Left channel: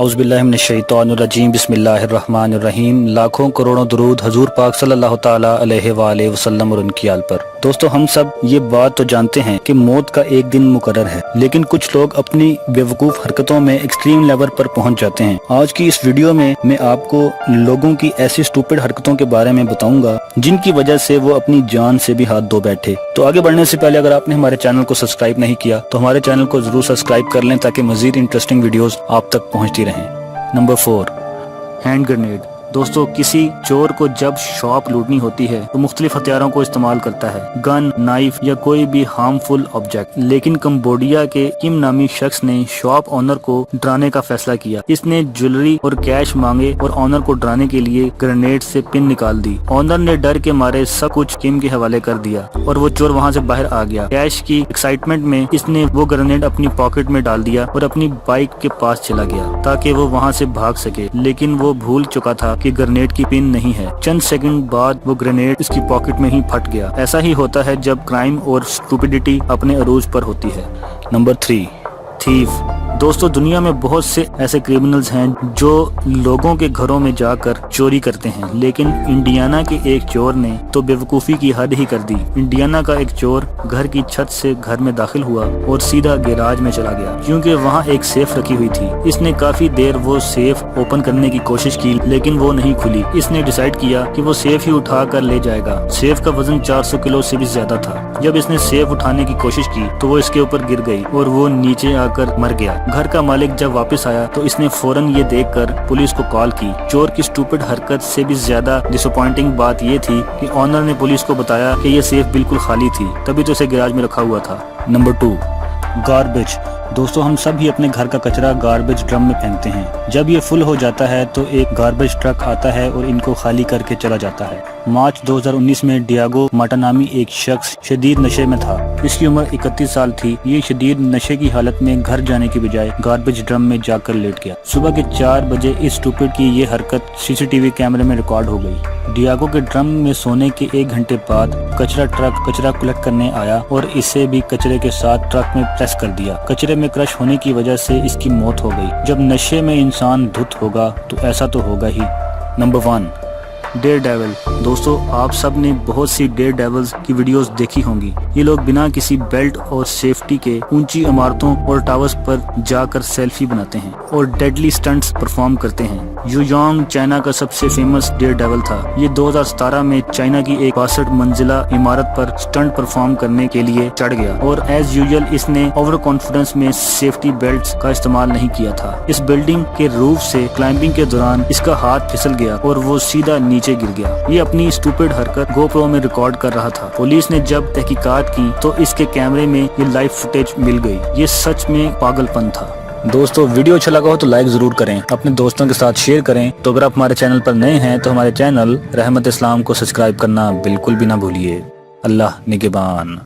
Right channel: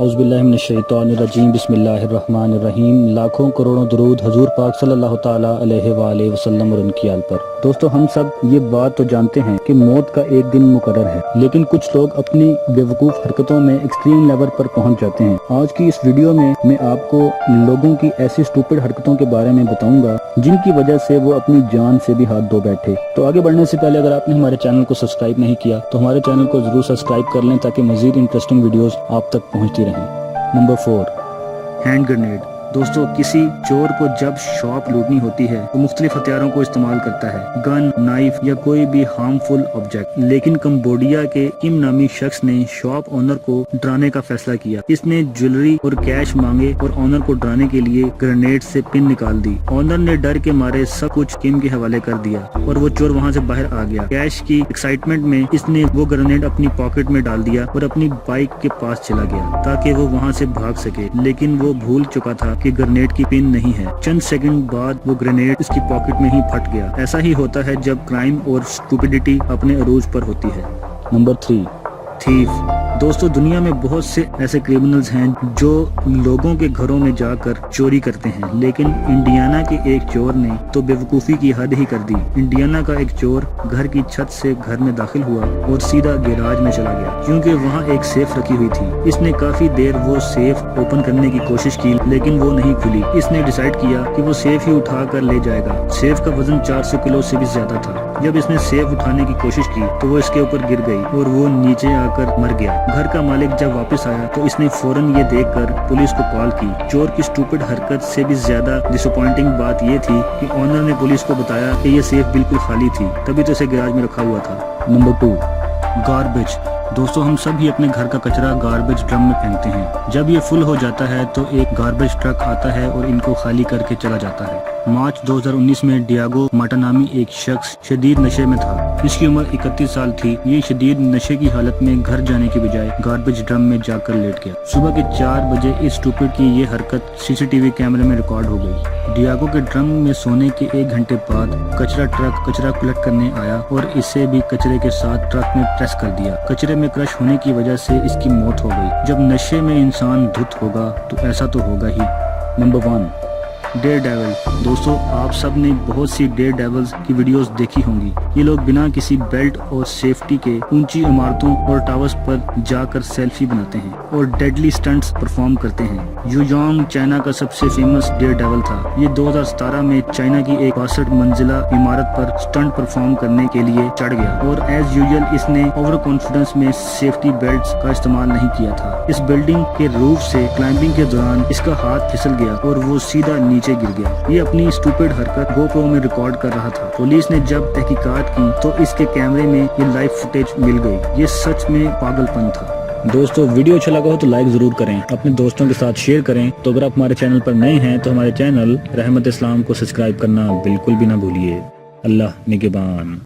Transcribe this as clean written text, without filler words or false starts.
औज़ुबिल्लाहिमिनश्शैतानिर्रजीम बिस्मिल्लाहिर्रहमानिर्रहीम। लाखों करोड़ों दरूद हजूर पाक सल्लल्लाहु ताला अलैहि वालैहि वसल्लम और उनकी आल पर। दोस्तों, हम सब ये बात तो जानते हैं कि मौत का एक दिन मुकर्रर है, लेकिन कुछ लोग अपनी बेवकूफ़ हरकतों में एक्सट्रीम लेवल पर पहुंच जाते हैं। आज की इस वीडियो में मैं आपको लोगों की ऐसी स्टूपिड हरकतों के बारे में बताऊंगा जिनकी वजह से वो अपनी जान से भी हाथ धो बैठे। तो आगे बढ़ने से पहले अगर आपने हमारे चैनल को सब्सक्राइब नहीं किया तो हमारे चैनल को जरूर सब्सक्राइब कर लें ताकि मजीद इंटरेस्टिंग वीडियोस आप तक पहुंचती रहें। Number 4, hand grenade. दोस्तों, किसी चोर को जब शॉप लूटनी होती है तो मुख्तलिफ हथियारों को इस्तेमाल करता है, गन, नाइफ या कोई भी हार्मफुल ऑब्जेक्ट। लेकिन कंबोडिया के किम नामी शख्स ने शॉप ऑनर को डराने का फैसला किया। इसने ज्वेलरी और कैश मांगे और ऑनर को डराने के लिए ग्रेनेड से पिन निकाल दी। ऑनर ने डर के मारे सब कुछ किम के हवाले कर दिया और वो चोर वहाँ से बाहर आ गया। कैश की एक्साइटमेंट में इसने वो ग्रेनेड अपनी पॉकेट में डाल दिया और अपनी बाइक के पास चला गया ताकि वो वहाँ से भाग सके, लेकिन वो भूल चुका था कि ग्रेनेड की पिन नहीं है। चंद सेकंड बाद वो ग्रेनेड इसकी पॉकेट में ही फट गया। ऐसा ही होता है जब क्राइम और स्टूपिडिटी अपने अरूज पर होती है। Number 3, thief. दोस्तों, दुनिया में बहुत से ऐसे क्रिमिनल्स हैं जो लोगों के घरों में जाकर चोरी करते हैं, लेकिन इंडियाना के एक चोर ने तो बेवकूफ़ी की हद ही कर दी। इंडियाना का एक चोर घर की छत से घर में दाखिल हुआ और सीधा गैराज में चला गया क्योंकि वहाँ एक सेफ रखी हुई थी। इसने काफी देर वो सेफ ओपन करने की कोशिश की, लेकिन वो नहीं खुली। इसने डिसाइड किया कि वो सेफ ही उठा कर ले जाएगा। सेफ का वजन 400 किलो से भी ज्यादा था। जब इसने सेफ उठाने की कोशिश की तो वो इसके ऊपर गिर गई और वो नीचे आकर मर गया। घर का मालिक जब वापस आया तो इसने फौरन ये देखकर पुलिस को कॉल की। चोर की स्टूपिड हरकत से भी ज्यादा डिसअपॉइंटिंग बात ये थी कि ऑनर ने पुलिस को बताया कि ये सेफ बिल्कुल खाली थी, तभी तो इसे गैराज में रखा हुआ था। Number 2, garbage. दोस्तों, हम सभी अपने घर का कचरा गार्बेज ड्रम में फेंकते हैं। जब ये फुल हो जाता है तो एक गार्बेज ट्रक आता है और इनको खाली करके चला जाता है। मार्च 2019 में डियागो माटा नामी एक शख्स शदीद नशे में था। इसकी उम्र 31 साल थी। ये शदीद नशे की हालत में घर जाने की बजाय गार्बेज ड्रम में जाकर लेट गया। सुबह के 4 बजे इस स्टूपिड की ये हरकत सीसीटीवी कैमरे में रिकॉर्ड हो गई। डियागो के ड्रम में सोने के 1 घंटे बाद कचरा ट्रक कचरा कलेक्ट करने आया और इसे भी कचरे के साथ ट्रक में प्रेस कर दिया। कचरे में क्रश होने की वजह से इसकी मौत हो गई। जब नशे में इंसान धुत होगा तो ऐसा तो होगा ही। Number 1, dare devil. दोस्तों, आप सब ने बहुत सी डेयर डेविल्स की वीडियोस देखी होंगी। ये लोग बिना किसी बेल्ट और सेफ्टी के ऊंची इमारतों और टावर्स पर जाकर सेल्फी बनाते हैं और डेडली स्टंट्स परफॉर्म करते हैं। यूयांग चाइना का सबसे फेमस डेयर डेविल था। ये 2017 में चाइना की एक 62 मंजिला इमारत पर स्टंट परफॉर्म करने के लिए चढ़ गया और एज यूजुअल इसने ओवर कॉन्फिडेंस में सेफ्टी बेल्ट का इस्तेमाल नहीं किया था। इस बिल्डिंग के रूफ से क्लाइंबिंग के दौरान इसका हाथ फिसल गया और वो सीधा नीचे गिर गया। ये अपनी स्टूपिड हरकत गोप्रो में रिकॉर्ड कर रहा था। पुलिस ने जब तहकीकात की तो इसके कैमरे में ये लाइव फुटेज मिल गई। ये सच में पागलपन था। दोस्तों, वीडियो अच्छा लगा हो तो लाइक जरूर करें, अपने दोस्तों के साथ शेयर करें। तो अगर आप हमारे चैनल पर नए हैं तो हमारे चैनल रहमत इस्लाम को सब्सक्राइब करना बिल्कुल भी ना भूलिए। अल्लाह निगहबान।